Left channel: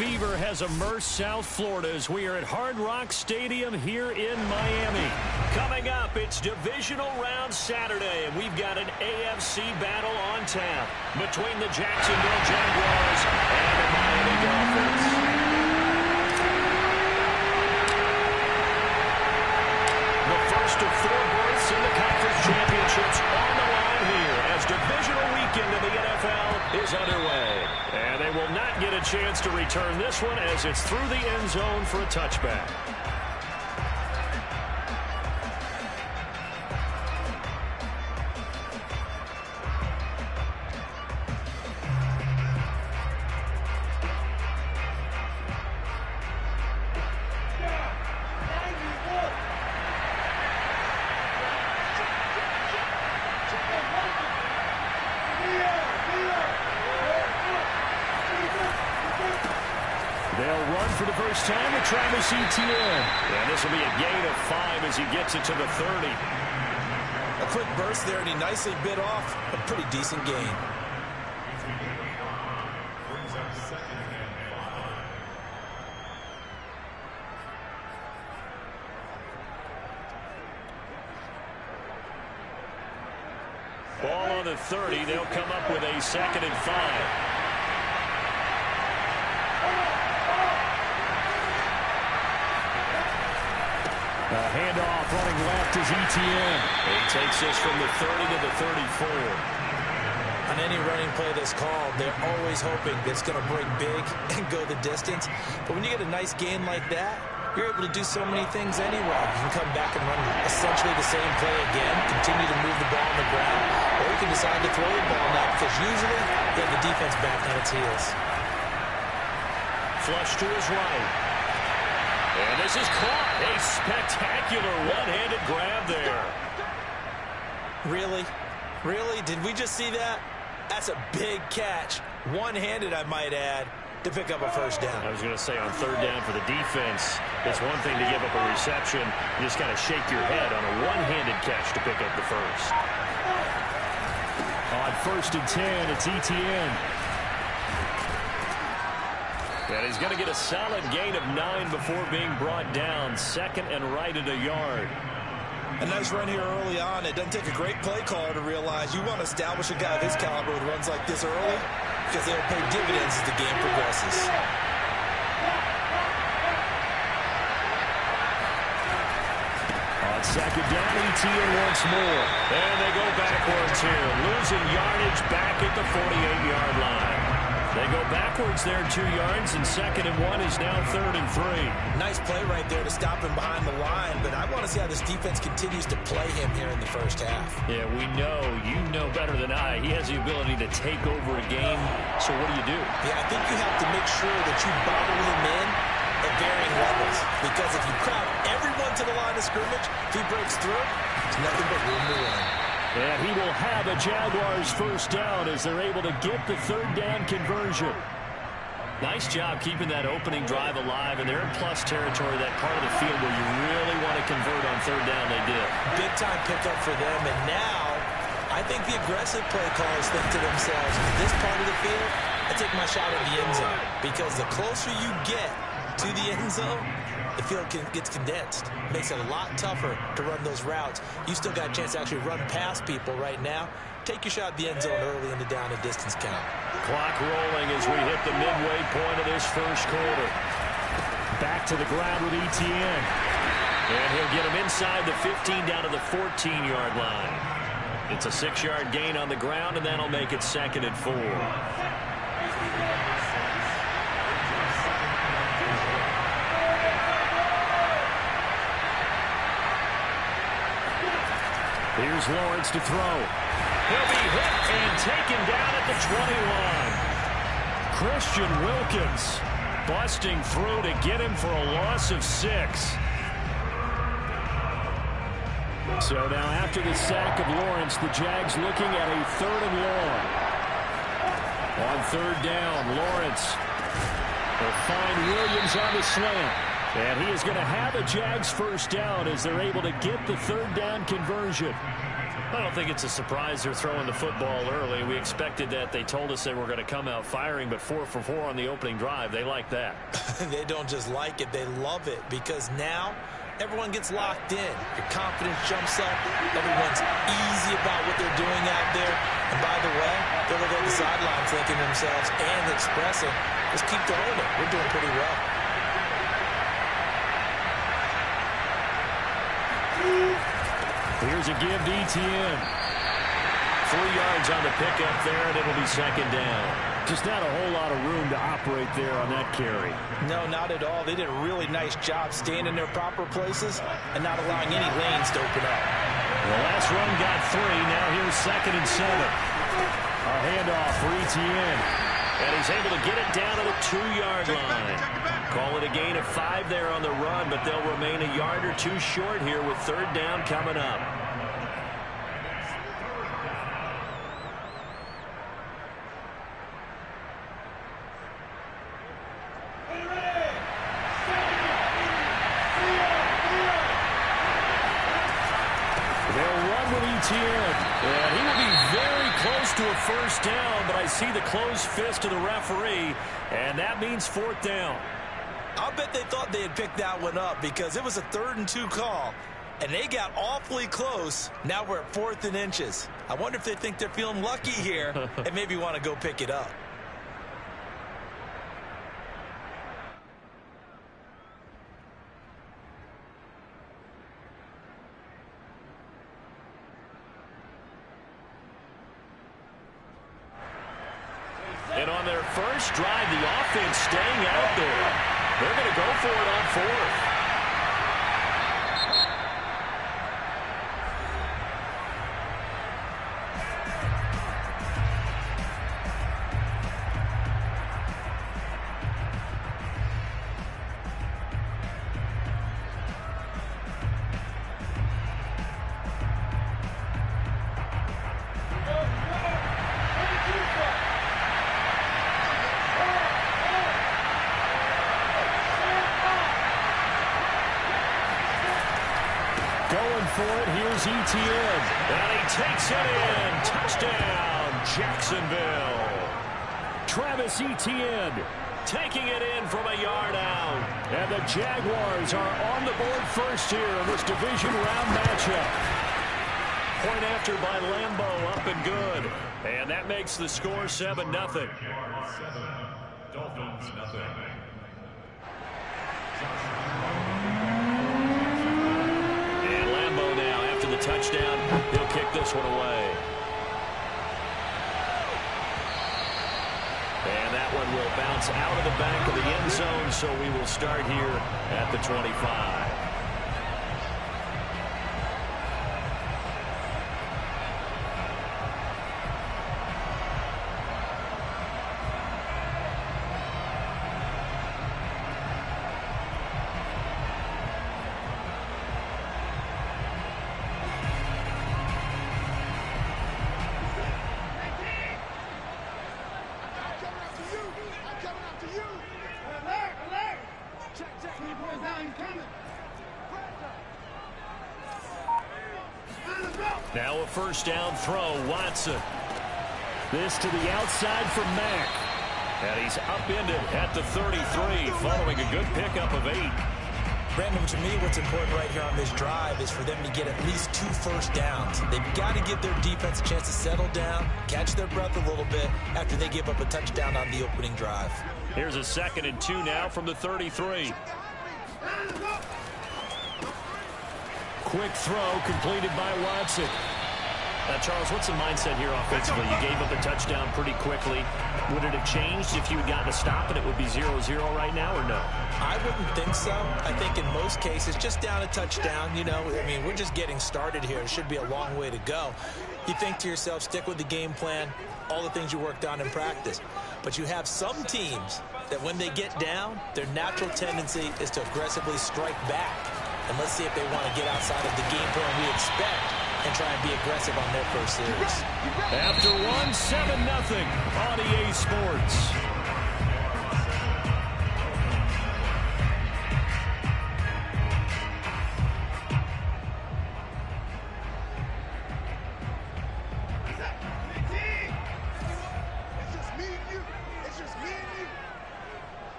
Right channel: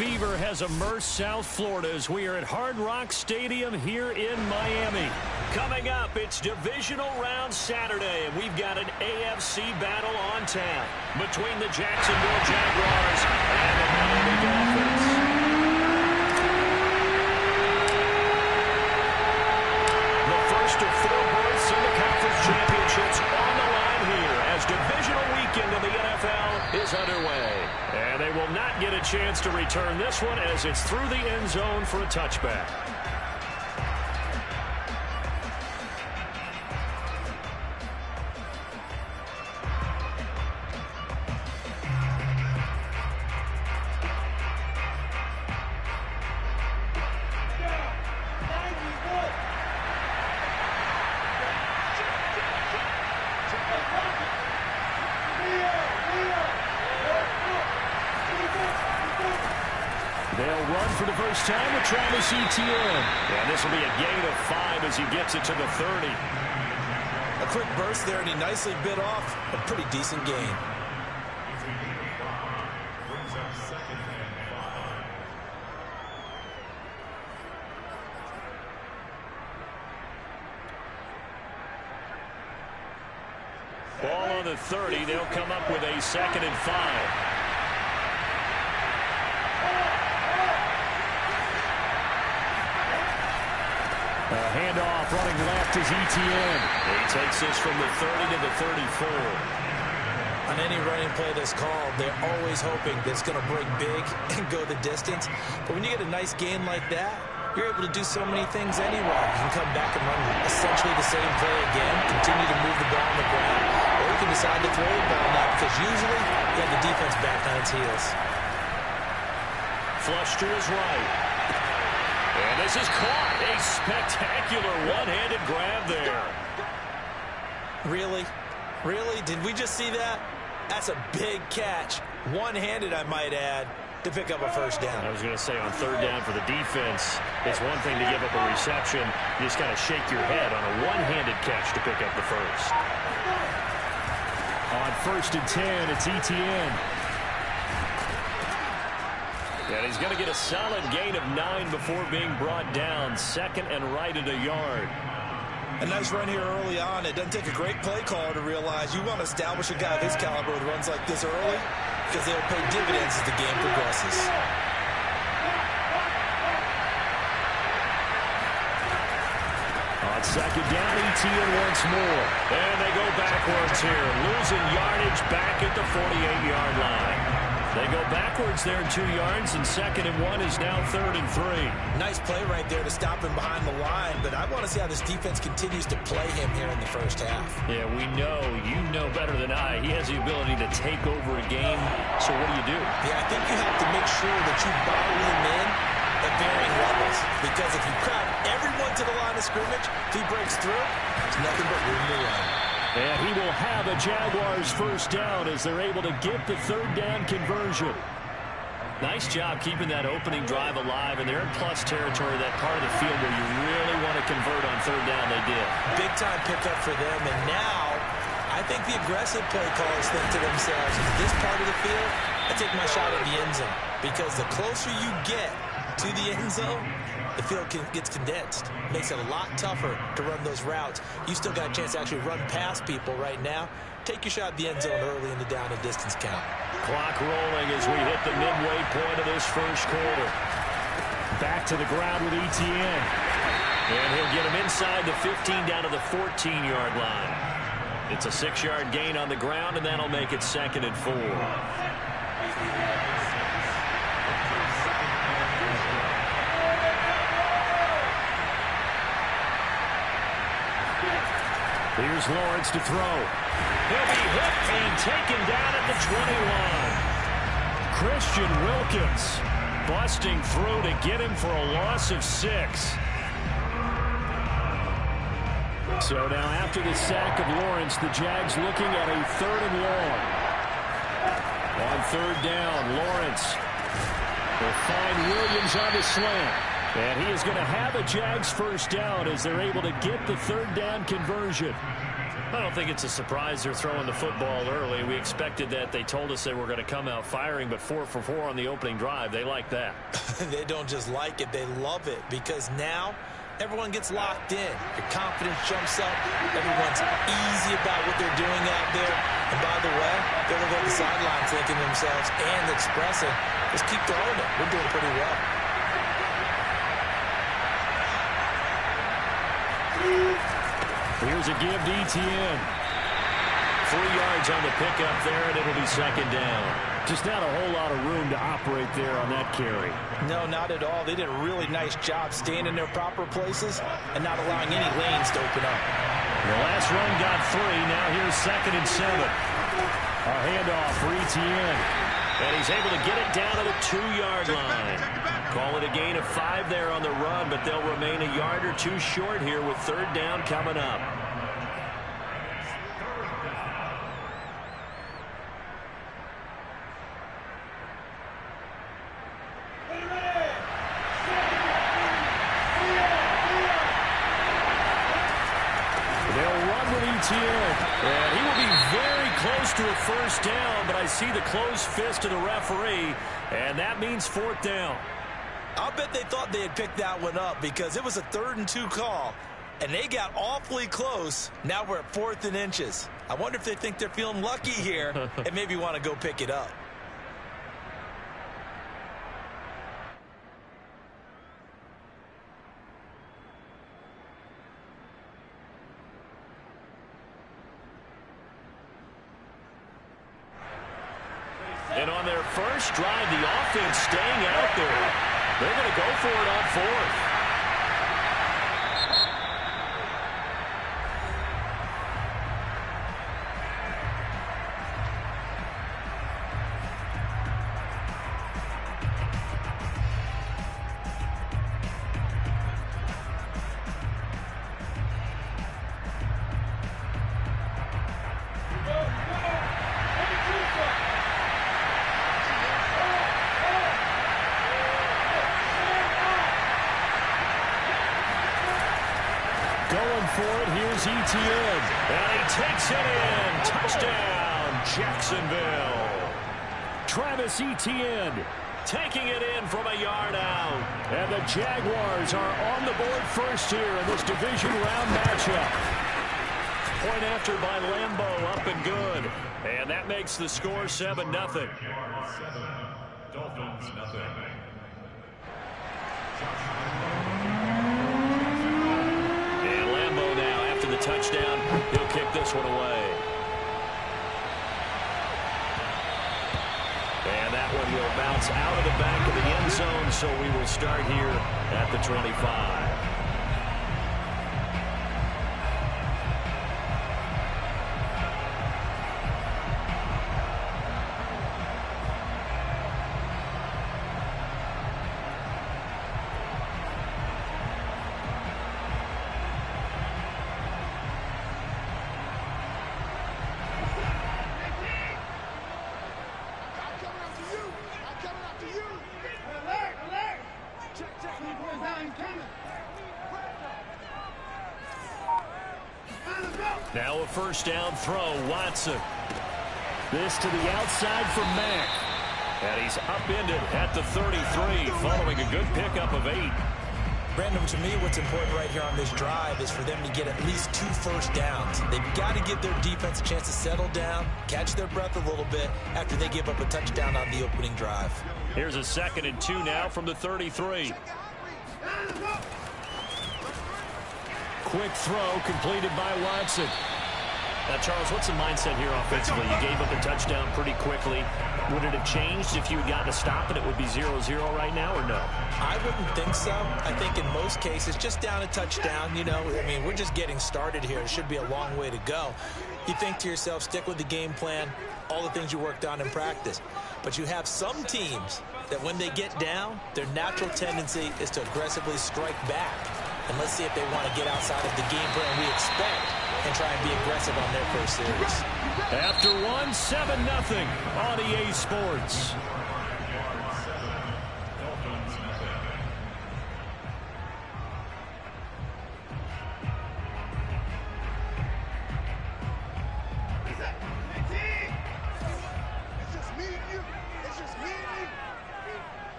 fever has immersed South Florida as we are at Hard Rock Stadium here in Miami. Coming up, it's Divisional Round Saturday, and we've got an AFC battle on tap between the Jacksonville Jaguars and the Miami Dolphins. The first of 4 berths in the conference championships on the line here as divisional weekend in the NFL is underway. And they will not get a chance to return this one as it's through the end zone for a touchback. They'll run for the first time with Travis Etienne. And this will be a gain of 5 as he gets it to the 30. A quick burst there, and he nicely bit off a pretty decent gain. Ball on the 30. They'll come up with a 2nd and 5. A handoff running left is Etienne. He takes this from the 30 to the 34. On any running play that's called, they're always hoping that it's going to break big and go the distance. But when you get a nice gain like that, you're able to do so many things anyway. You can come back and run essentially the same play again, continue to move the ball on the ground, or you can decide to throw the ball now because usually you have the defense back on its heels. Flush to his right. And this is caught. A spectacular one-handed grab there. Really? Really? Did we just see that? That's a big catch. One-handed, I might add, to pick up a first down. I was going to say on 3rd down for the defense, it's one thing to give up a reception. You just kind of shake your head on a one-handed catch to pick up the first. On 1st and 10, it's Etienne. And he's going to get a solid gain of 9 before being brought down. 2nd and right at a yard. A nice run here early on. It doesn't take a great play caller to realize you want to establish a guy of his caliber with runs like this early because they'll pay dividends as the game progresses. On 2nd down, Etienne once more. And they go backwards here, losing yardage back at the 48-yard line. They go backwards there 2 yards, and 2nd and 1 is now 3rd and 3. Nice play right there to stop him behind the line, but I want to see how this defense continues to play him here in the first half. Yeah, we know, you know better than I, he has the ability to take over a game, so what do? Yeah, I think you have to make sure that you bottle him in at varying levels, because if you crowd everyone to the line of scrimmage, if he breaks through, there's nothing but room to run. And he will have a Jaguars first down as they're able to get the 3rd down conversion. Nice job keeping that opening drive alive, and they're in plus territory, that part of the field where you really want to convert on 3rd down. They did. Big time pickup for them, and now I think the aggressive play callers think to themselves, in this part of the field, I take my shot at the end zone, because the closer you get to the end zone, the field gets condensed. Makes it a lot tougher to run those routes. You still got a chance to actually run past people right now. Take your shot at the end zone early in the down and distance count. Clock rolling as we hit the midway point of this first quarter. Back to the ground with Etienne. And he'll get him inside the 15 down to the 14-yard line. It's a 6-yard gain on the ground, and that'll make it 2nd and 4. Here's Lawrence to throw. He'll be hit and taken down at the 21. Christian Wilkins busting through to get him for a loss of 6. So now after the sack of Lawrence, the Jags looking at a 3rd and long. On 3rd down, Lawrence will find Williams on the slant. And he is going to have a Jags first down as they're able to get the 3rd down conversion. I don't think it's a surprise they're throwing the football early. We expected that. They told us they were going to come out firing, but 4 for 4 on the opening drive. They like that. They don't just like it, they love it, because now everyone gets locked in. Your confidence jumps up. Everyone's easy about what they're doing out there. And by the way, they're looking at the sidelines thinking to themselves and expressing, just keep throwing it. We're doing pretty well. Here's a give to Etienne. 3 yards on the pickup there, and it'll be second down. Just not a whole lot of room to operate there on that carry. No, not at all. They did a really nice job staying in their proper places and not allowing any lanes to open up. The last run got 3. Now here's 2nd and 7. A handoff for Etienne. And he's able to get it down to the 2-yard line. Call it a gain of 5 there on the run, but they'll remain a yard or 2 short here with 3rd down coming up. And he will be very close to a 1st down, but I see the closed fist of the referee, and that means 4th down. I'll bet they thought they had picked that one up because it was a 3rd and 2 call, and they got awfully close. Now we're at 4th and inches. I wonder if they think they're feeling lucky here and maybe want to go pick it up. And on their first drive, the offense staying out there. They're going to go for it on 4th. Going for it, here's Etienne. And he takes it in. Touchdown, Jacksonville. Travis Etienne taking it in from a yard out. And the Jaguars are on the board first here in this division round matchup. Point after by Lambeau, up and good. And that makes the score 7-0. Dolphins, nothing. And Lambeau now, after the touchdown, he'll kick this one away. And that one will bounce out of the back of the end zone, so we will start here at the 25. Now a first down throw, Watson. This to the outside from Mack. And he's upended at the 33, following a good pickup of 8. Brandon, to me, what's important right here on this drive is for them to get at least 2 first downs. They've got to give their defense a chance to settle down, catch their breath a little bit after they give up a touchdown on the opening drive. Here's a 2nd and 2 now from the 33. Quick throw completed by Watson. Charles, what's the mindset here offensively? You gave up a touchdown pretty quickly. Would it have changed if you had gotten a stop and it would be 0-0 right now, or no? I wouldn't think so. I think in most cases, just down a touchdown, you know, I mean, we're just getting started here. It should be a long way to go. You think to yourself, stick with the game plan, all the things you worked on in practice. But you have some teams that when they get down, their natural tendency is to aggressively strike back. And let's see if they want to get outside of the game plan we expect and try and be aggressive on their first series. After 7-0 on EA Sports.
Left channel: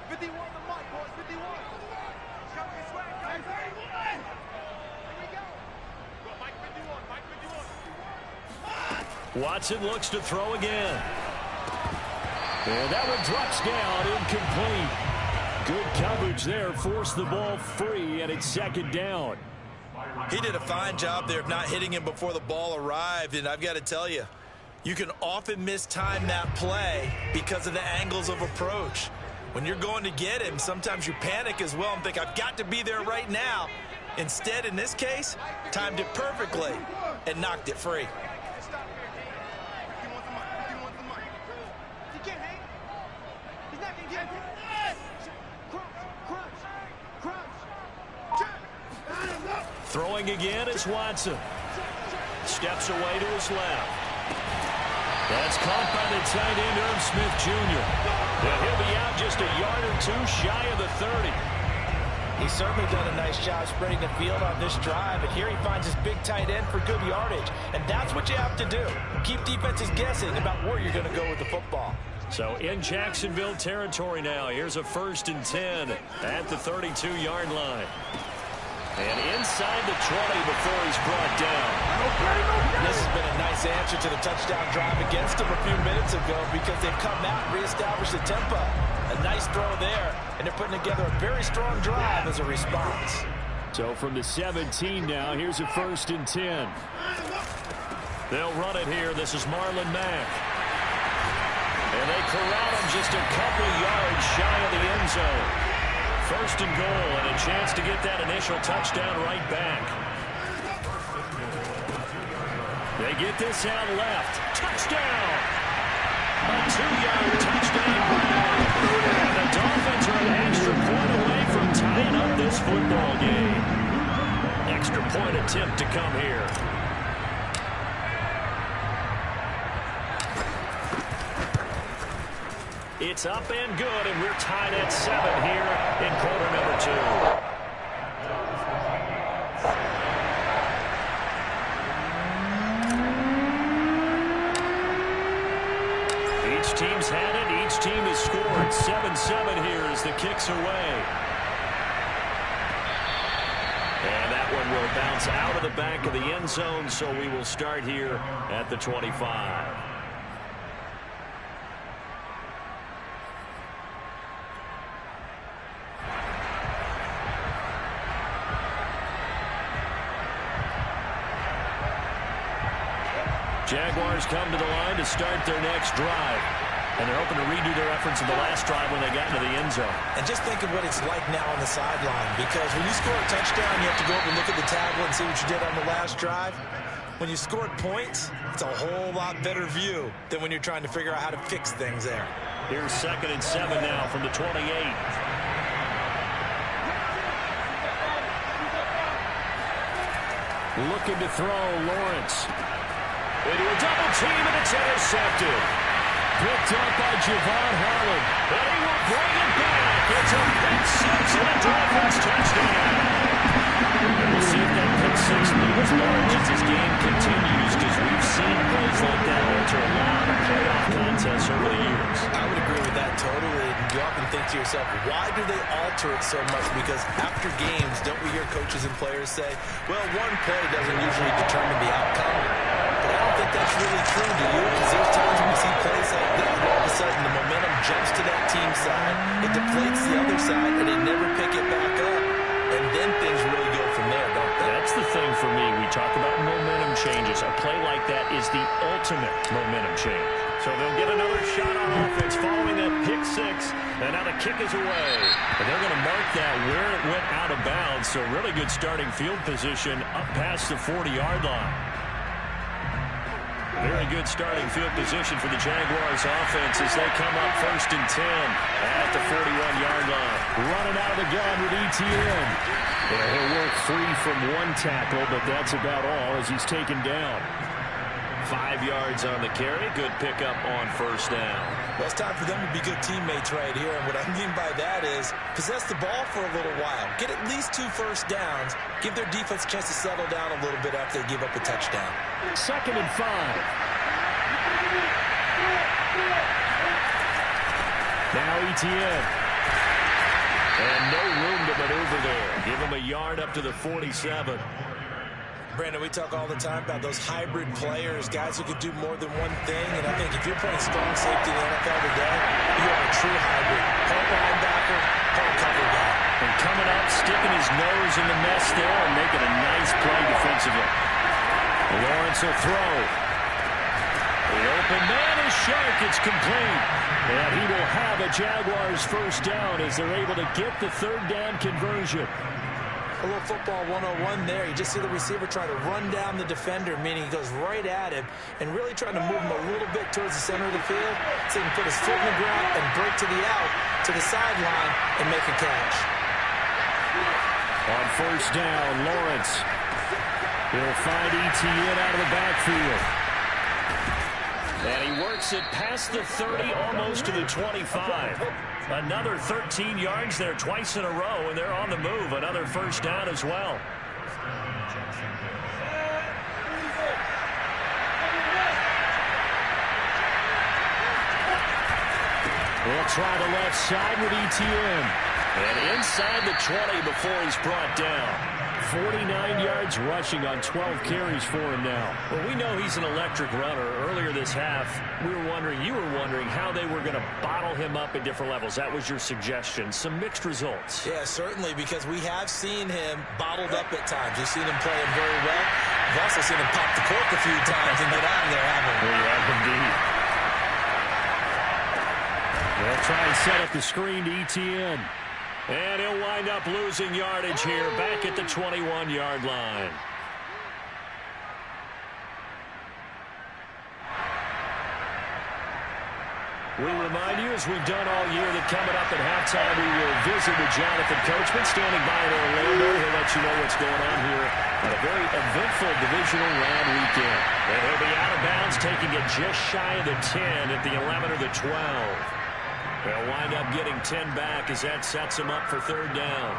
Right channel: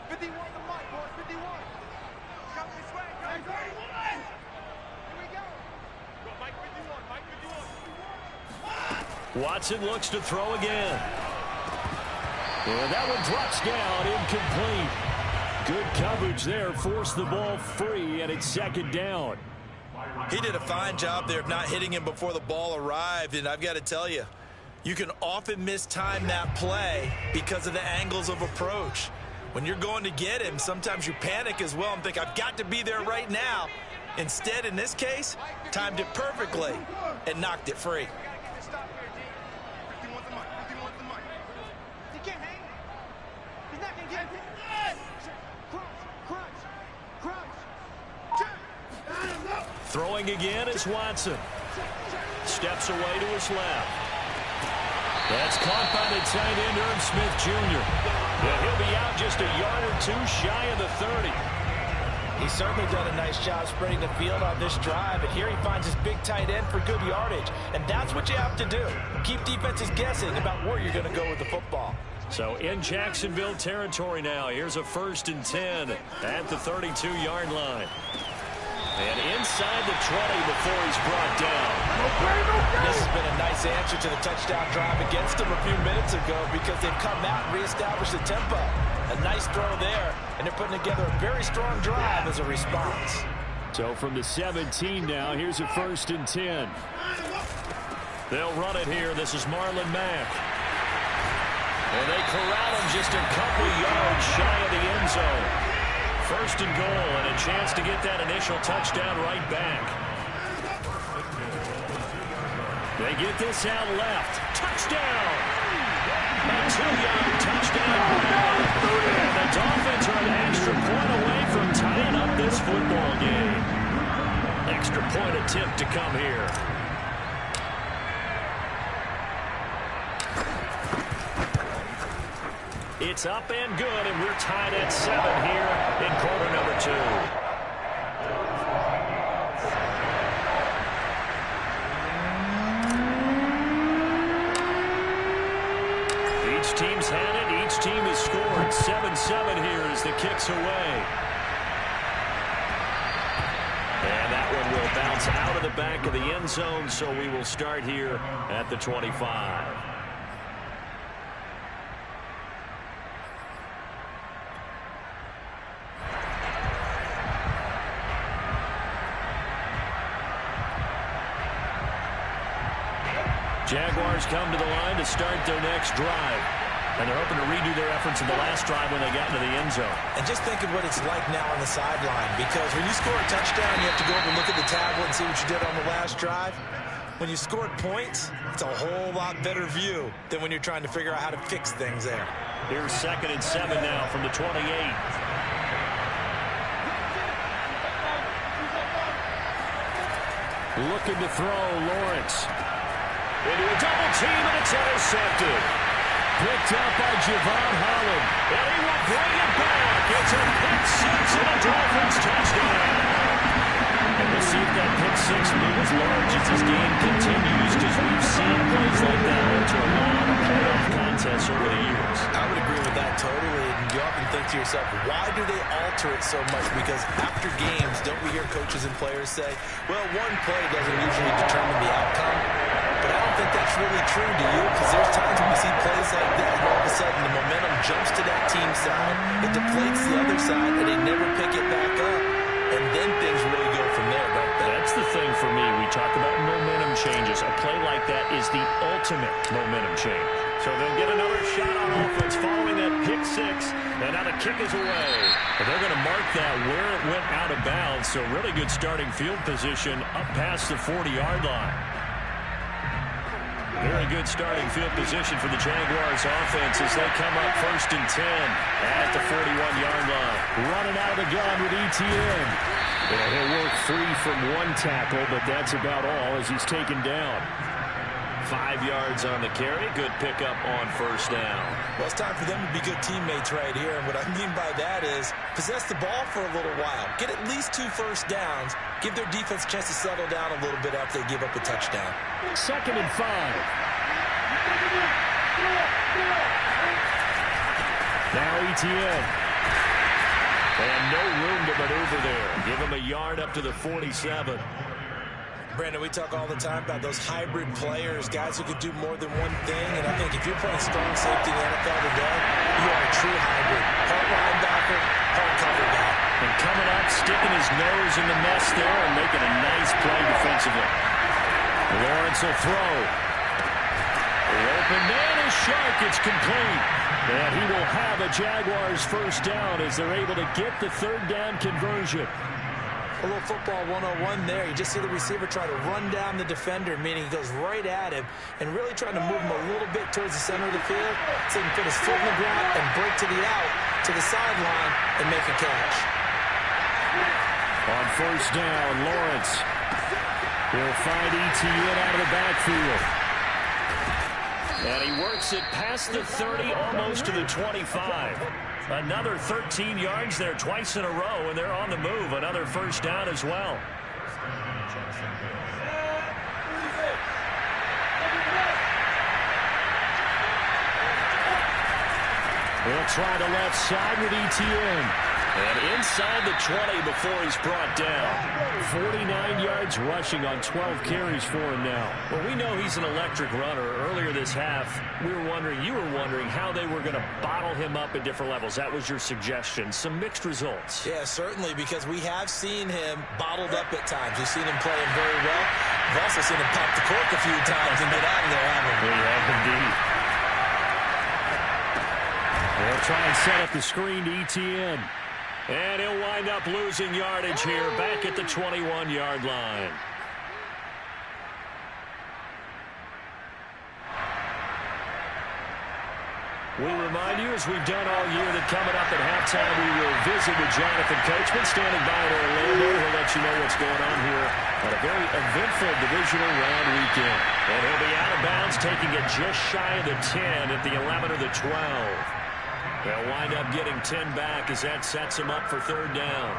51 the mic, boys. 51. Come this way. Come 31. Here we go. Go, Mike 51. Mike 51. Watson looks to throw again. And that one drops down, incomplete. Good coverage there, forced the ball free, and it's second down. He did a fine job there of not hitting him before the ball arrived, and I've got to tell you, you can often mistime that play because of the angles of approach. When you're going to get him, sometimes you panic as well and think, I've got to be there right now. Instead, in this case, timed it perfectly and knocked it free. Throwing again is Watson. Steps away to his left. That's caught by the tight end, Irv Smith Jr. And he'll be out just a yard or two shy of the 30. He's certainly done a nice job spreading the field on this drive, and here he finds his big tight end for good yardage. And that's what you have to do. Keep defenses guessing about where you're going to go with the football. So in Jacksonville territory now, here's a 1st and 10 at the 32-yard line. And inside the 20 before he's brought down. This has been a nice answer to the touchdown drive against them a few minutes ago because they've come out and reestablished the tempo. A nice throw there, and they're putting together a very strong drive as a response. So from the 17 now, here's a 1st and 10. They'll run it here. This is Marlon Mack. And they corral him just a couple yards shy of the end zone. 1st and goal, and a chance to get that initial touchdown right back. They get this out left. Touchdown! A 2-yard touchdown grab. And the Dolphins are an extra point away from tying up this football game. Extra point attempt to come here. It's up and good, and we're tied at 7 here in quarter number 2. Each team's had it. Each team has scored. 7-7 here as the kick's away. And that one will bounce out of the back of the end zone, so we will start here at the 25. Jaguars come to the line to start their next drive. And they're hoping to redo their efforts in the last drive when they got into the end zone. And just think of what it's like now on the sideline, because when you score a touchdown, you have to go over and look at the tablet and see what you did on the last drive. When you scored points, it's a whole lot better view than when you're trying to figure out how to fix things there. Here's 2nd and 7 now from the 28. Looking to throw, Lawrence. Into a double team, and it's intercepted. Picked up by Javon Holland. And he will bring it back. It's a pick 6 and a Dolphins touchdown. And we'll see if that pick 6 looms large as this game continues, because we've seen plays like that alter a lot of playoff contests over the years. I would agree with that totally. And you often think to yourself, why do they alter it so much? Because after games, don't we hear coaches and players say, well, one play doesn't usually determine the outcome. But I don't think that's really true, do you? Because there's times when we see plays like that, and all of a sudden the momentum jumps to that team side, it deflates the other side, and they never pick it back up. And then things really go from there, don't they? That's the thing for me. We talk about momentum changes. A play like that is the ultimate momentum change. So they'll get another shot on offense following that pick 6. And now the kick is away. And they're going to mark that where it went out of bounds. So really good starting field position up past the 40-yard line. Very good starting field position for the Jaguars offense as they come up 1st and 10 at the 41-yard line. Running out of the gun with Etienne. And he'll work free from one tackle, but that's about all as he's taken down. 5 yards on the carry. Good pickup on 1st down. Well, it's time for them to be good teammates right here. And what I mean by that is possess the ball for a little while. Get at least 2 first downs. Give their defense a chance to settle down a little bit after they give up a touchdown. 2nd and 5. Now Etienne. And no room to maneuver there. Give him a yard up to the 47. Brandon, we talk all the time about those hybrid players, guys who could do more than one thing. And I think if you're playing strong safety in the NFL today, you are a true hybrid. Part linebacker, part cover guy. And coming up, sticking his nose in the mess there and making a nice play defensively. Lawrence will throw. The open man is Shark. It's complete. And he will have a Jaguars first down as they're able to get the third down conversion. A little football 101 there. You just see the receiver try to run down the defender, meaning he goes right at him and really trying to move him a little bit towards the center of the field so he can put his foot in the ground and break to the out, to the sideline, and make a catch. On first down, Lawrence. He'll find Etienne out of the backfield. And he works it past the 30, almost to the 25. Another 13 yards there twice in a row, and they're on the move. Another first down as well. They'll try the left side with Etienne. And inside the 20 before he's brought down. 49 yards rushing on 12 carries for him now. Well, we know he's an electric runner. Earlier this half, you were wondering how they were going to bottle him up at different levels. That was your suggestion. Some mixed results. Yeah, certainly, because we have seen him bottled up at times. We've seen him play him very well. We've also seen him pop the cork a few times and get out of there, haven't we? We have indeed. They'll try and set up the screen to Etienne. And he'll wind up losing yardage here back at the 21-yard line. We remind you, as we've done all year, that coming up at halftime, we will visit with Jonathan Coachman, standing by in Orlando. He'll let you know what's going on here on a very eventful divisional round weekend. And he'll be out of bounds, taking it just shy of the 10 at the 11 or the 12. They'll wind up getting 10 back as that sets him up for third down.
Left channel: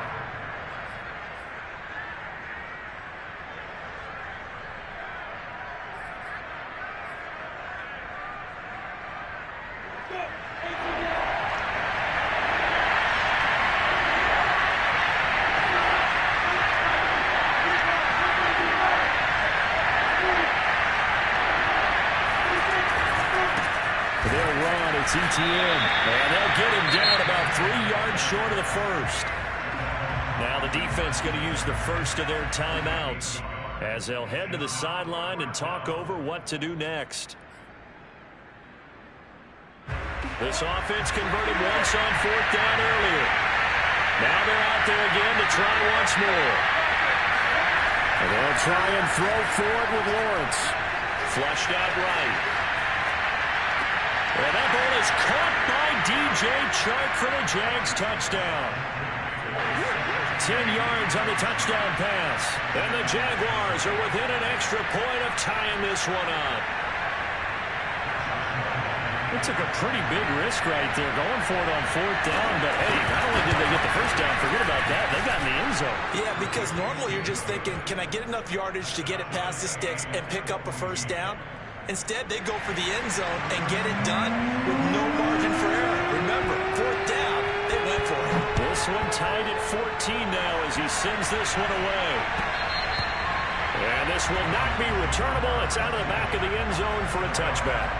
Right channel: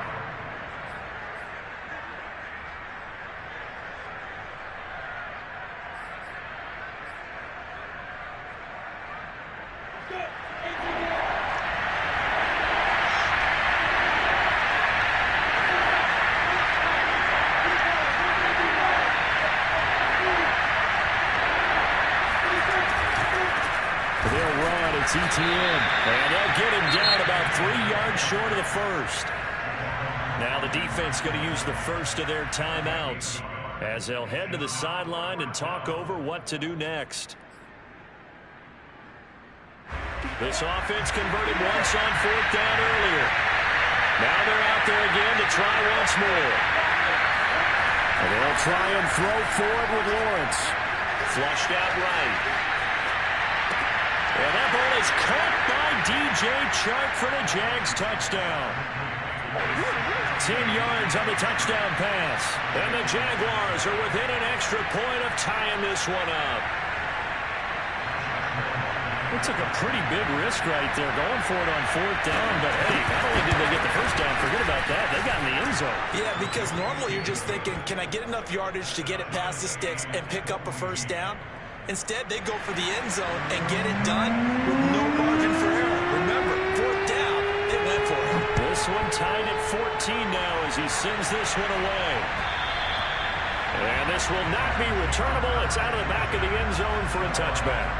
They'll run. It's Etienne. And they'll get him down about 3 yards short of the first. Now the defense going to use the first of their timeouts as they'll head to the sideline and talk over what to do next. This offense converted once on fourth down earlier. Now they're out there again to try once more. And they'll try and throw for it with Lawrence. Flushed out right. And that ball is caught by DJ Chark for the Jags touchdown. 10 yards on the touchdown pass. And the Jaguars are within an extra point of tying this one up. It took a pretty big risk right there going for it on fourth down. But, hey, not only did they get the first down, forget about that, they got in the end zone. Yeah, because normally you're just thinking, can I get enough yardage to get it past the sticks and pick up a first down? Instead, they go for the end zone and get it done with no margin for error. Remember, fourth down, they went for it. This one tied at 14 now as he sends this one away. And this will not be returnable. It's out of the back of the end zone for a touchback.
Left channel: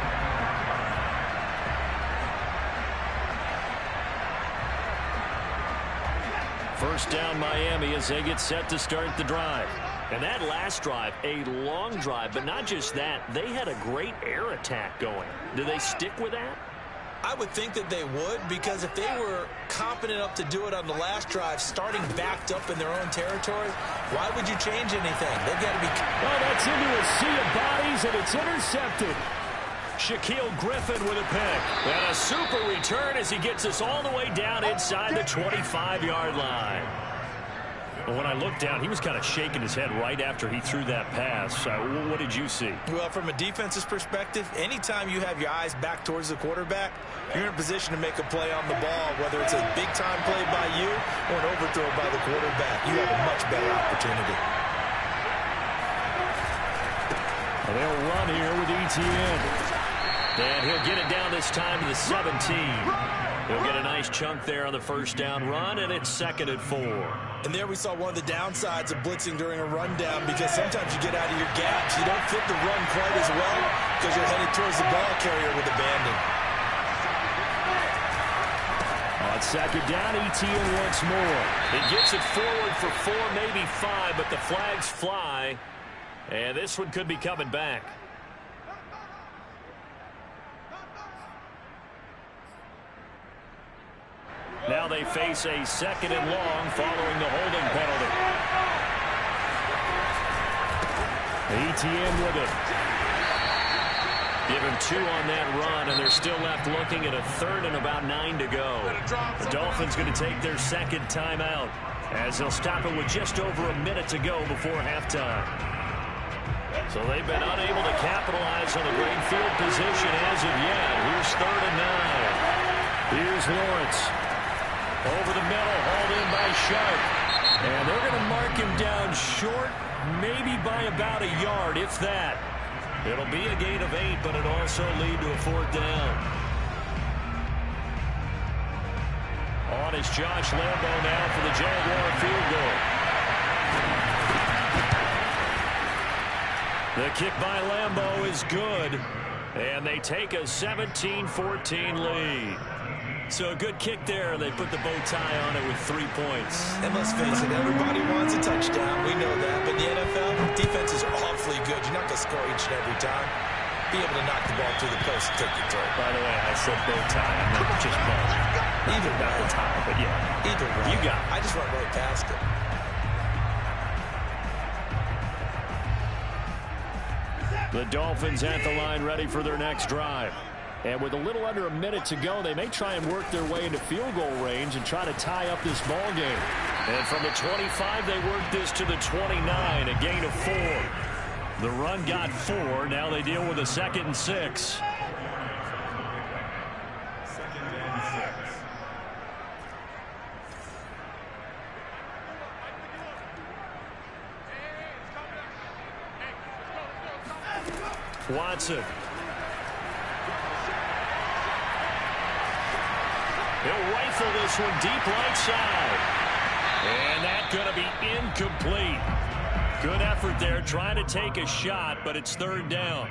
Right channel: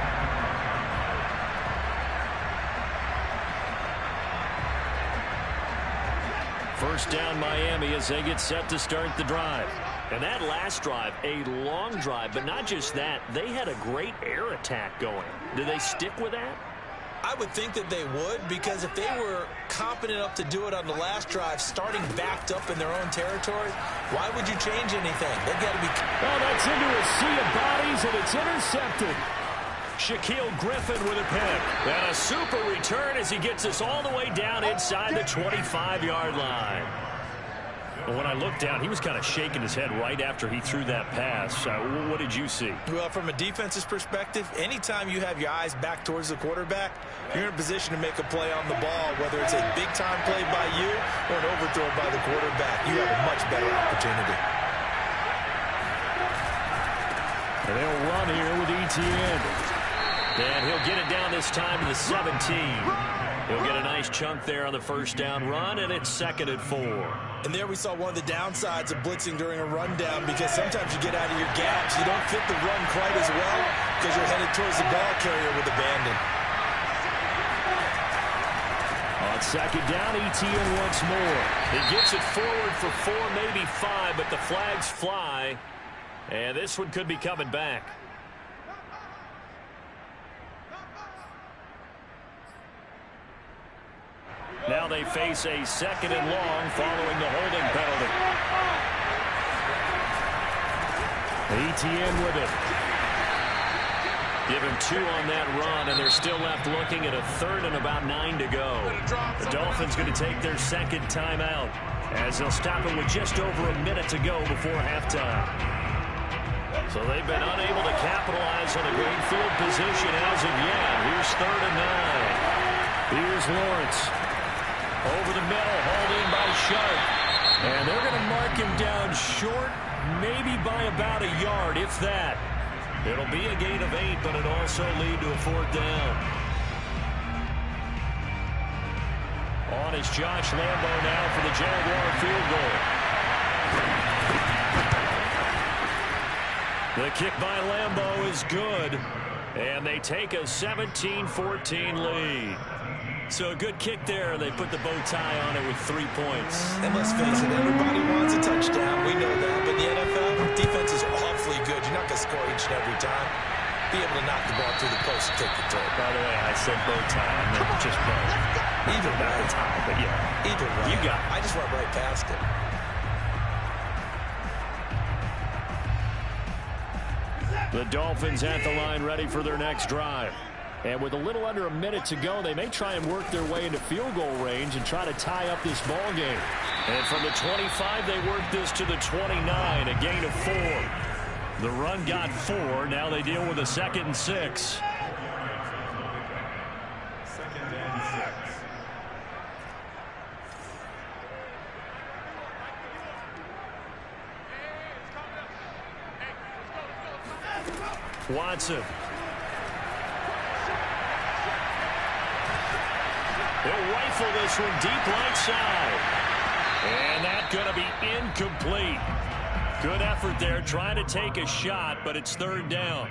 First down Miami as they get set to start the drive. And that last drive, a long drive, but not just that, they had a great air attack going. Do they stick with that? I would think that they would, because if they were confident enough to do it on the last drive, starting backed up in their own territory, why would you change anything? They've got to be... Oh, that's into a sea of bodies, and it's intercepted. Shaquille Griffin with a pick. And a super return as he gets us all the way down inside the 25-yard line. Well, when I looked down, he was kind of shaking his head right after he threw that pass. What did you see? Well, from a defense's perspective, anytime you have your eyes back towards the quarterback, you're in a position to make a play on the ball, whether it's a big-time play by you or an overthrow by the quarterback. You have a much better opportunity. And they'll run here with Etienne. And he'll get it down this time to the 17. He'll get a nice chunk there on the first down run, and it's 2nd and 4. And there we saw one of the downsides of blitzing during a rundown, because sometimes you get out of your gaps. You don't fit the run quite as well because you're headed towards the ball carrier with abandon. On 2nd down, ETN once more. He gets it forward for 4, maybe 5, but the flags fly. And this one could be coming back. Now they face a 2nd and long following the holding penalty. ETN with it. Give him 2 on that run, and they're still left looking at a 3rd and about 9 to go. The Dolphins going to take their 2nd timeout as they'll stop it with just over a minute to go before halftime. So they've been unable to capitalize on a great field position as of yet. Here's 3rd and 9. Here's Lawrence. Over the middle, hauled in by Sharp. And they're going to mark him down short, maybe by about a yard, if that. It'll be a gain of 8, but it'll also lead to a 4th down. On is Josh Lambo now for the Jaguar field goal. The kick by Lambo is good, and they take a 17-14 lead. So a good kick there. They put the bow tie on it with 3 points. And let's face it, everybody wants a touchdown. We know that. But in the NFL, defense is awfully good. You're not going to score each and every time. Be able to knock the ball through the post and take the throw. By the way, I said bow tie. I meant just bow. Either not way. the tie, but yeah. Either way. You got it. I just went right past it. The Dolphins at the line ready for their next drive. And with a little under a minute to go, they may try and work their way into field goal range and try to tie up this ball game. And from the 25, they work this to the 29, a gain of 4. The run got 4. Now they deal with a 2nd and 6. 2nd and 6. Watson. He'll rifle this one deep right side. And that's going to be incomplete. Good effort there trying to take a shot, but it's 3rd down.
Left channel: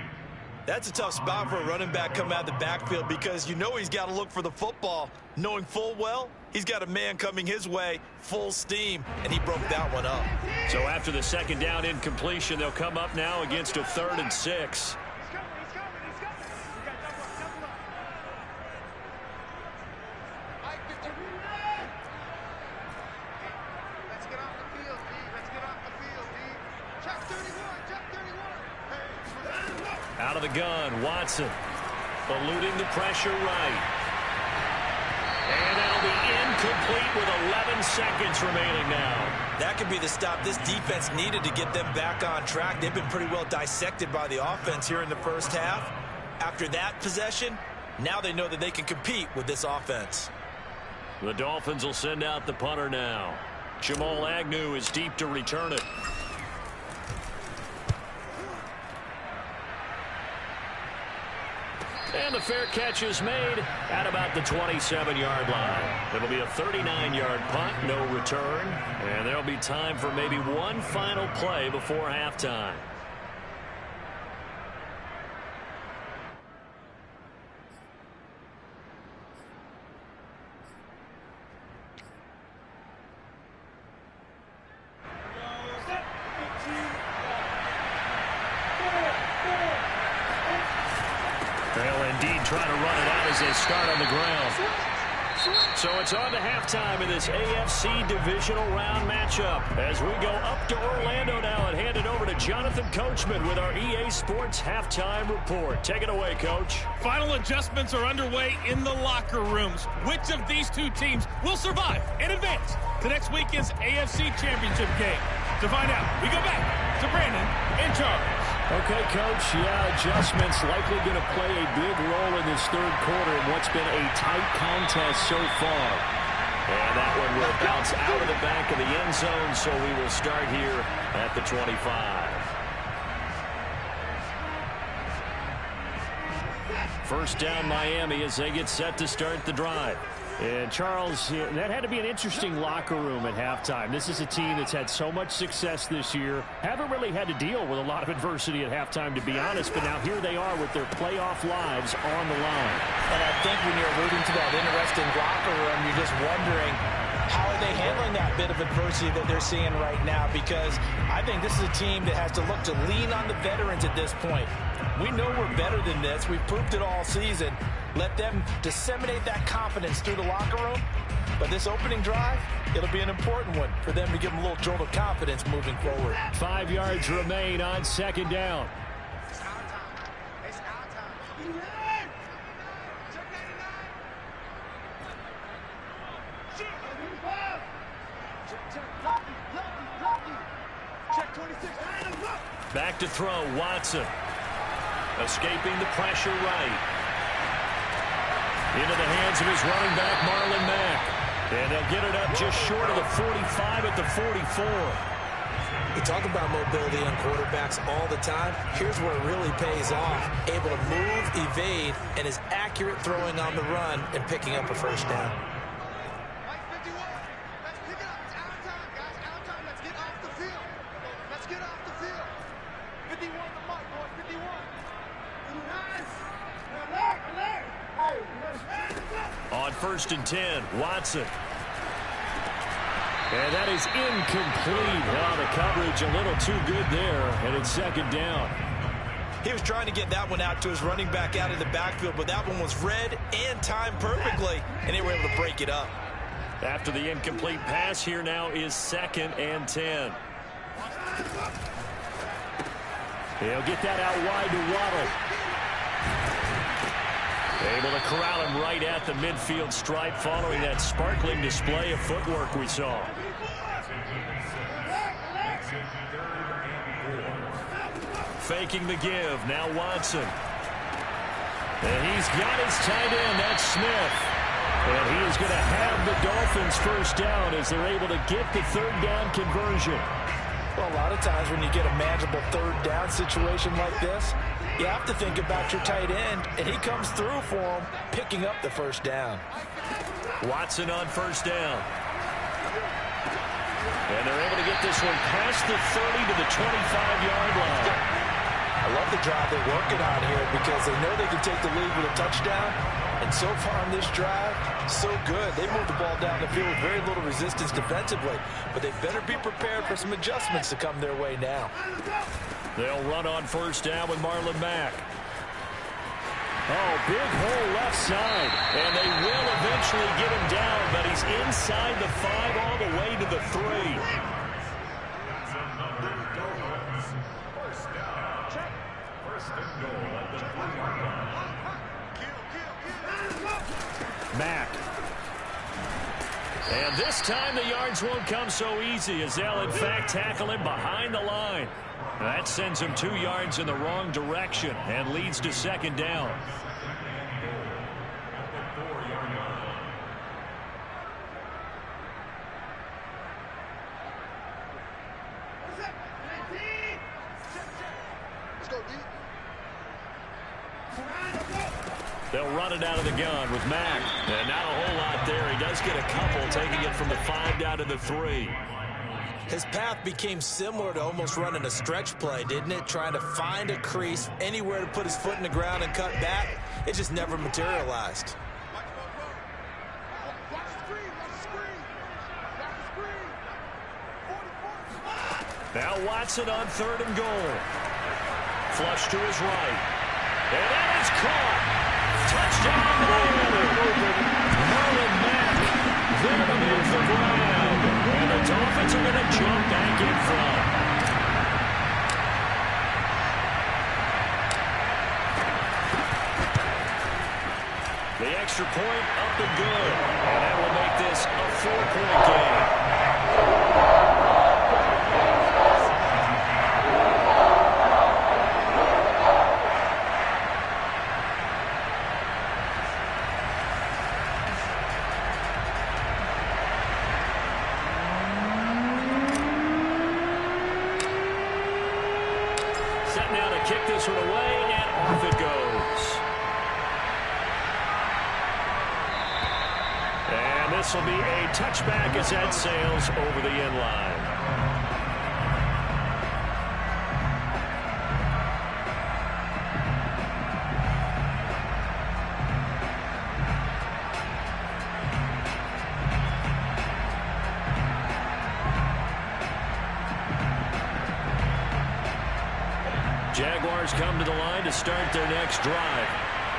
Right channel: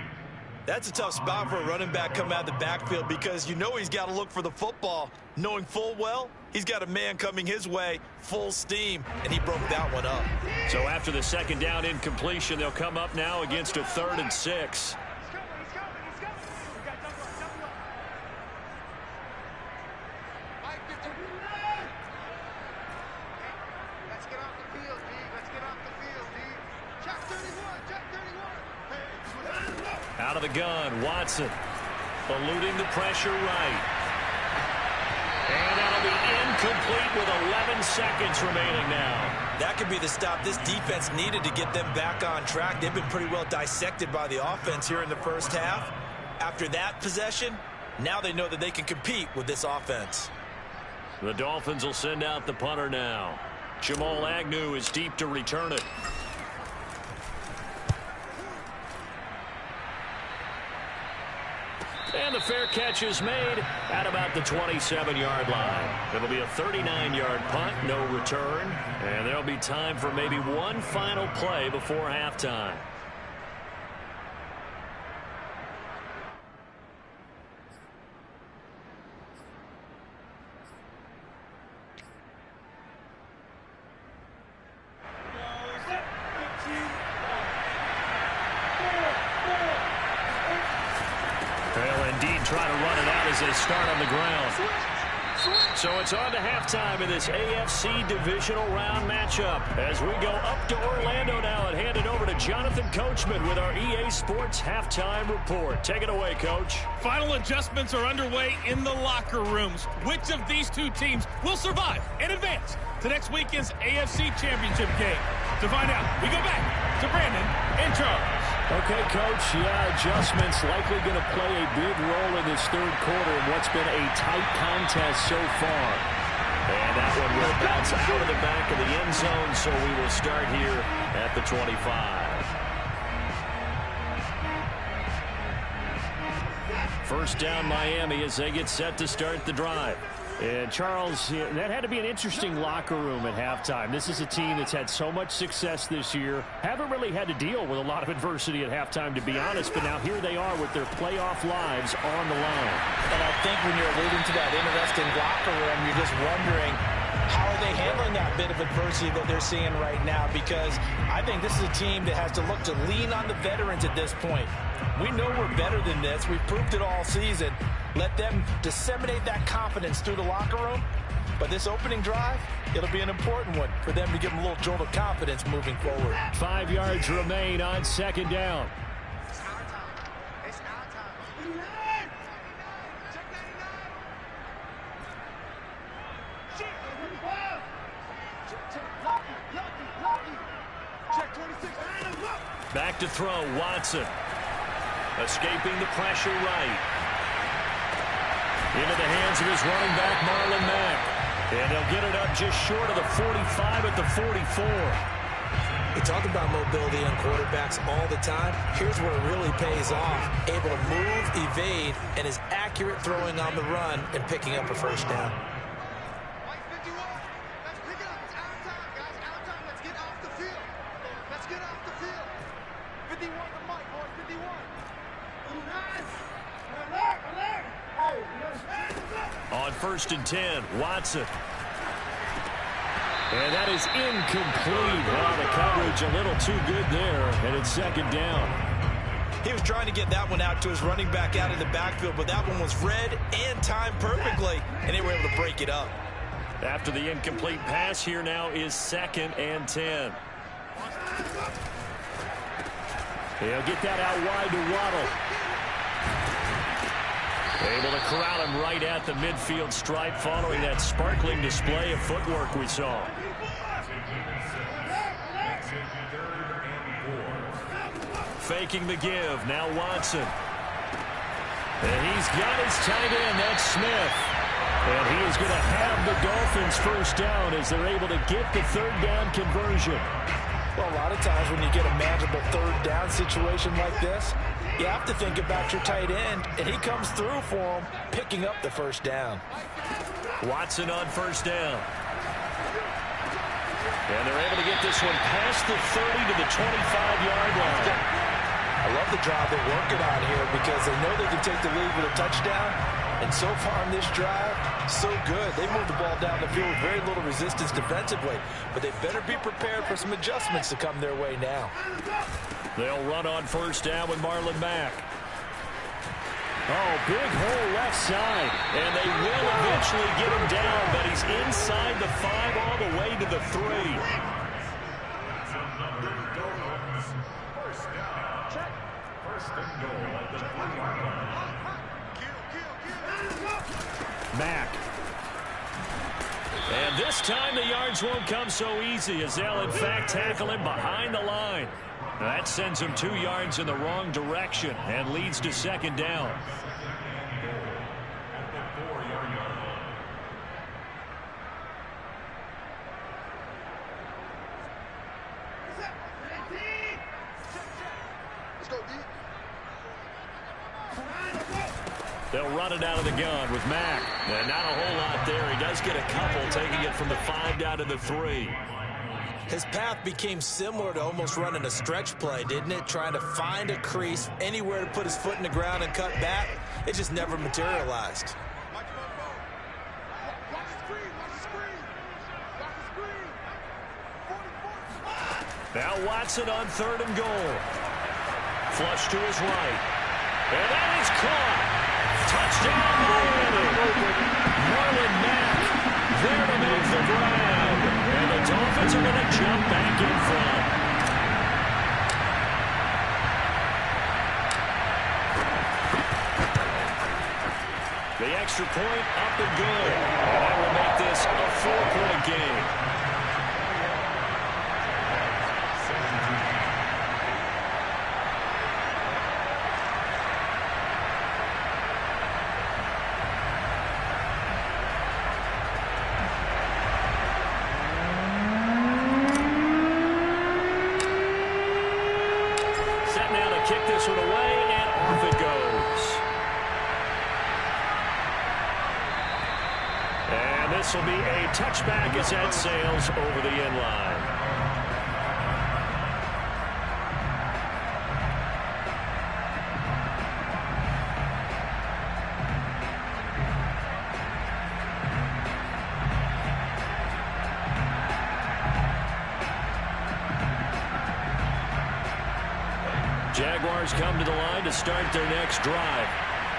That's a tough spot for a running back coming out of the backfield, because you know he's got to look for the football, knowing full well he's got a man coming his way full steam, and he broke that one up. So after the 2nd down incompletion, they'll come up now against a 3rd and 6. He's coming. We got double up. Mike, 15. Let's get off the field, D. Let's get off the field, D. Check 31. Hey. Out of the gun, Watson. Eluding the pressure right. And that'll be incomplete with 11 seconds remaining now. That could be the stop this defense needed to get them back on track. They've been pretty well dissected by the offense here in the first half. After that possession, now they know that they can compete with this offense. The Dolphins will send out the punter now. Jamal Agnew is deep to return it. And the fair catch is made at about the 27-yard line. It'll be a 39-yard punt, no return. And there'll be time for maybe one final play before halftime. They'll indeed try to run it out as they start on the ground. So it's on to halftime in this AFC divisional round matchup as we go up to Orlando now and hand it over to Jonathan Coachman with our EA Sports halftime report. Take it away, Coach. Final adjustments are underway in the locker rooms. Which of these two teams will survive and advance to next weekend's AFC Championship game? To find out, we go back to Brandon and Charles. Okay, Coach, yeah, adjustments likely going to play a big role in this third quarter in what's been a tight contest so far. And that one will bounce out of the back of the end zone, so we will start here at the 25. First down, Miami, as they get set to start the drive. And, Charles, that had to be an interesting locker room at halftime. This is a team that's had so much success this year. Haven't really had to deal with a lot of adversity at halftime, to be honest. But now here they are with their playoff lives on the line. And I think when you're alluding to that interesting locker room, you're just wondering, how are they handling that bit of adversity that they're seeing right now? Because I think this is a team that has to look to lean on the veterans at this point. We know we're better than this. We've proved it all season. Let them disseminate that confidence through the locker room. But this opening drive, it'll be an important one for them to give them a little jolt of confidence moving forward. 5 yards remain on second down. It's our time. It's our time. Check 99. Check. Lucky. Check 26. Back to throw, Watson. Escaping the pressure right. Into the hands of his running back, Marlon Mack. And they'll get it up just short of the 45 at the 44. We talk about mobility on quarterbacks all the time. Here's where it really pays off. Able to move, evade, and is accurate throwing on the run and picking up a first down. Mike 51. Let's pick it up. It's our time, guys. Our time. Let's get off the field. Let's get off the field. 51 the mic, boys. 51. On 1st and 10, Watson. And that is incomplete. Oh, the coverage a little too good there, and it's second down. He was trying to get that one out to his running back out in the backfield, but that one was read and timed perfectly, and they were able to break it up. After the incomplete pass, here now is 2nd and 10. He'll get that out wide to Waddle. Able to corral him right at the midfield stripe following that sparkling display of footwork we saw. Faking the give. Now Watson. And he's got his tight end. That's Smith. And he is going to have the Dolphins first down as they're able to get the third down conversion. Well, a lot of times when you get a manageable third down situation like this, you have to think about your tight end, and he comes through for him, picking up the first down. Watson on first down. And they're able to get this one past the 30 to the 25-yard line. I love the drive they're working on here because they know they can take the lead with a touchdown. And so far on this drive, so good. They moved the ball down the field with very little resistance defensively. But they better be prepared for some adjustments to come their way now. They'll run on first down with Marlon Mack. Oh, big hole left side. And they will eventually get him down, but he's inside the 5 all the way to the 3. First and goal at the 3-yard line. Mack. And this time the yards won't come so easy as they'll in fact tackle him behind the line. That sends him 2 yards in the wrong direction and leads to second down. Let's go, D. They'll run it out of the gun with Mack. And not a whole lot there. He does get a couple, taking it from the 5 down to the 3. His path became similar to almost running a stretch play, didn't it? Trying to find a crease, anywhere to put his foot in the ground and cut back. It just never materialized. Watch the screen. Watch the screen. Watch the screen. 44. Now Watson on 3rd and goal. Flush to his right. And that is caught. Touchdown, Miami. Marlon Mack there to make the grab. And the Dolphins are going to jump back in front. The extra point up and good. And that will make this a 4-point game. Now to kick this one away, and off it goes. this will be a touchback as that sails over the end line. Jaguars come to the line to start their next drive.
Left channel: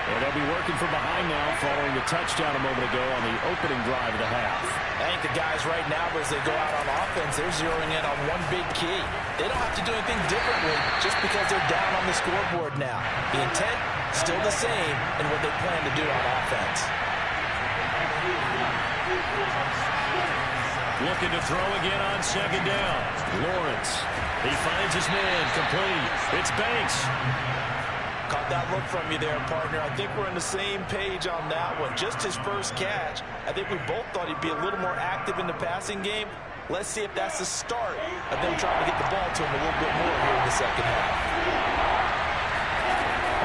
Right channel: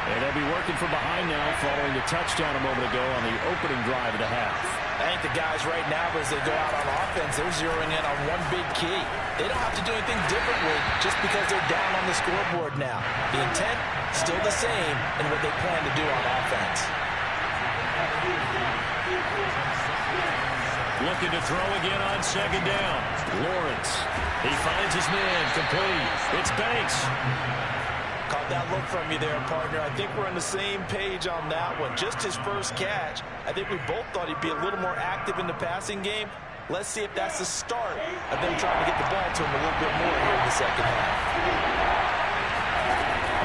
And they'll be working from behind now following the touchdown a moment ago on the opening drive of the half. I think the guys right now, as they go out on offense, they're zeroing in on one big key. They don't have to do anything differently just because they're down on the scoreboard now. The intent, still the same in what they plan to do on offense. Looking to throw again on second down. Lawrence. He finds his man, complete. It's Banks. Caught that look from you there, partner. I think we're on the same page on that one. Just his first catch. I think we both thought he'd be a little more active in the passing game. Let's see if that's the start of them trying to get the ball to him a little bit more here in the second half.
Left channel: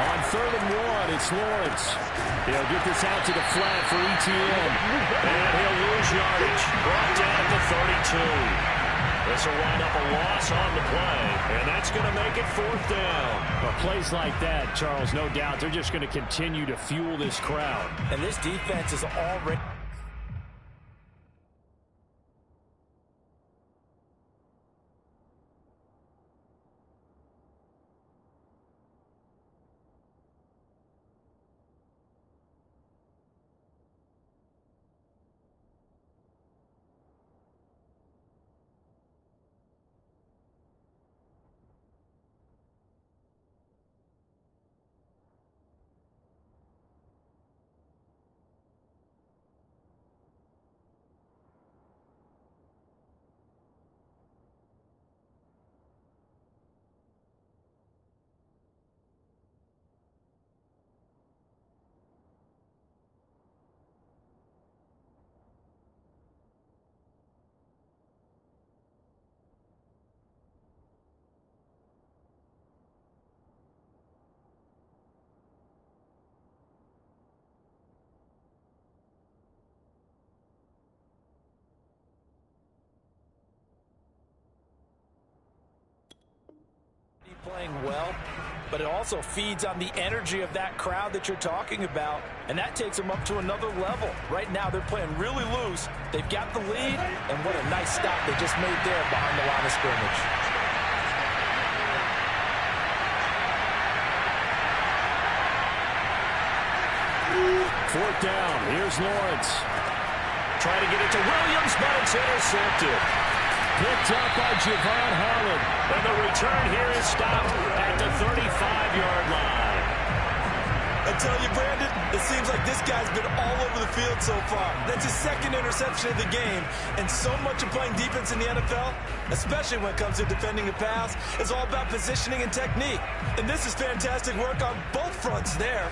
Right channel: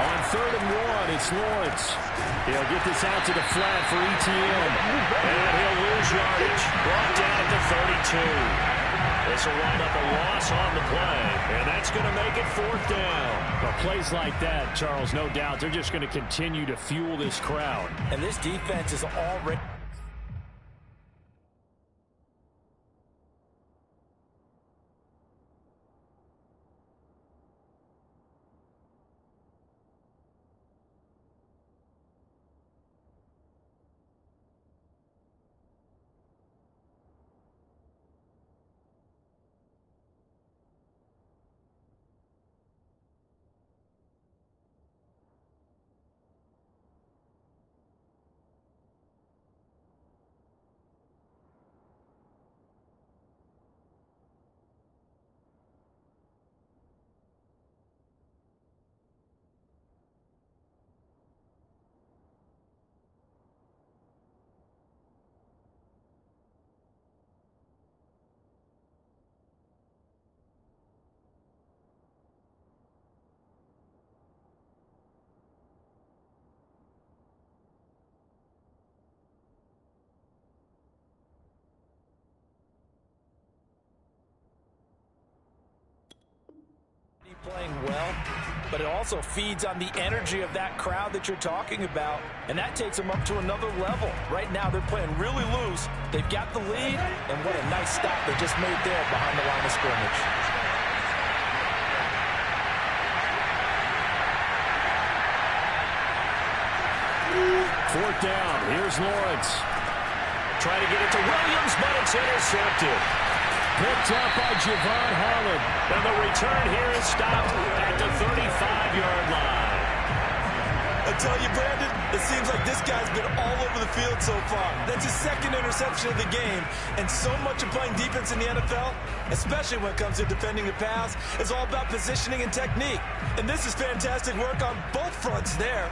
On 3rd and 1, it's Lawrence. He'll get this out to the flat for ETN. And he'll lose yardage. Brought down at the 32. This will wind up a loss on the play, and that's going to make it 4th down. Well, plays like that, Charles, no doubt, they're just going to continue to fuel this crowd. And this defense is already... playing well, but it also feeds on the energy of that crowd that you're talking about, and that takes them up to another level. Right now, they're playing really loose. They've got the lead, and what a nice stop they just made there behind the line of scrimmage. Fourth down. Here's Lawrence. Trying to get it to Williams, but it's intercepted. Picked up by Javon Holland. And the return here is stopped at the 35-yard line. I tell you, Brandon, it seems like this guy's been all over the field so far. That's his second interception of the game. And so much of playing defense in the NFL, especially when it comes to defending the pass, is all about positioning and technique. And this is fantastic work on both fronts there.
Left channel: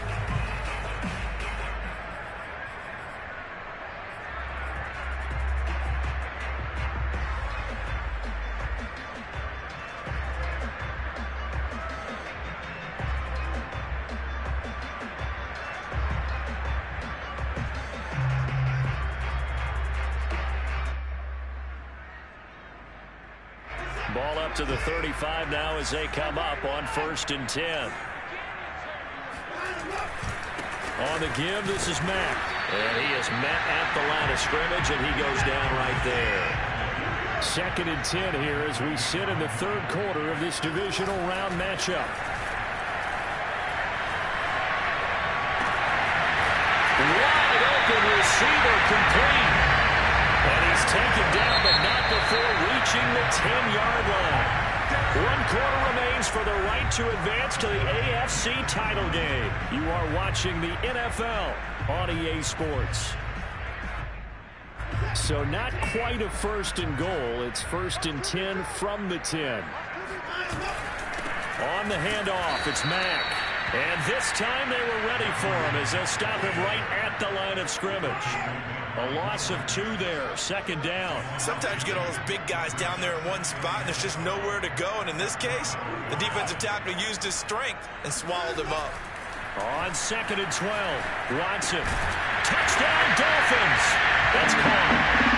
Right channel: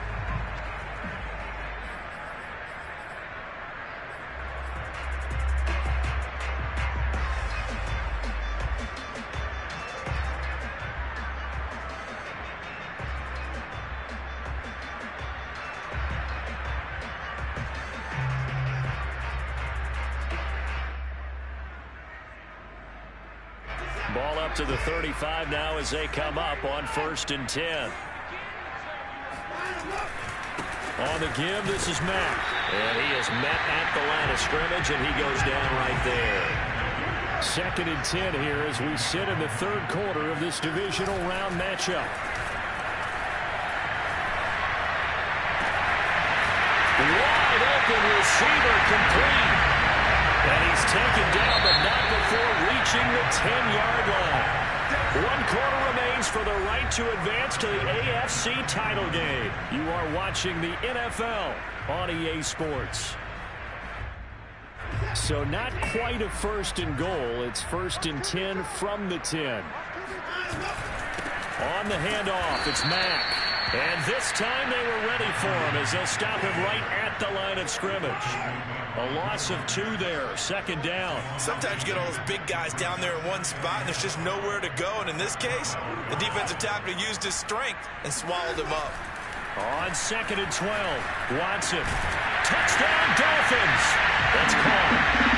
Ball up to the 35 now as they come up on 1st and 10. On the give, this is Mack. And he is met at the line of scrimmage, and he goes down right there. 2nd and 10 here as we sit in the 3rd quarter of this divisional round matchup. Wide open receiver, complete. And he's taken down, but not before reaching the 10-yard line. 1 quarter remains for the right to advance to the AFC title game. You are watching the NFL on EA Sports. So not quite a 1st and goal. It's 1st and 10 from the 10. On the handoff, it's Mack. And this time they were ready for him as they'll stop him right at the line of scrimmage. A loss of 2 there, 2nd down. Sometimes you get all those big guys down there in one spot, and there's just nowhere to go. And in this case, the defensive tackle used his strength and swallowed him up. On 2nd and 12, Watson. Touchdown, Dolphins. That's caught.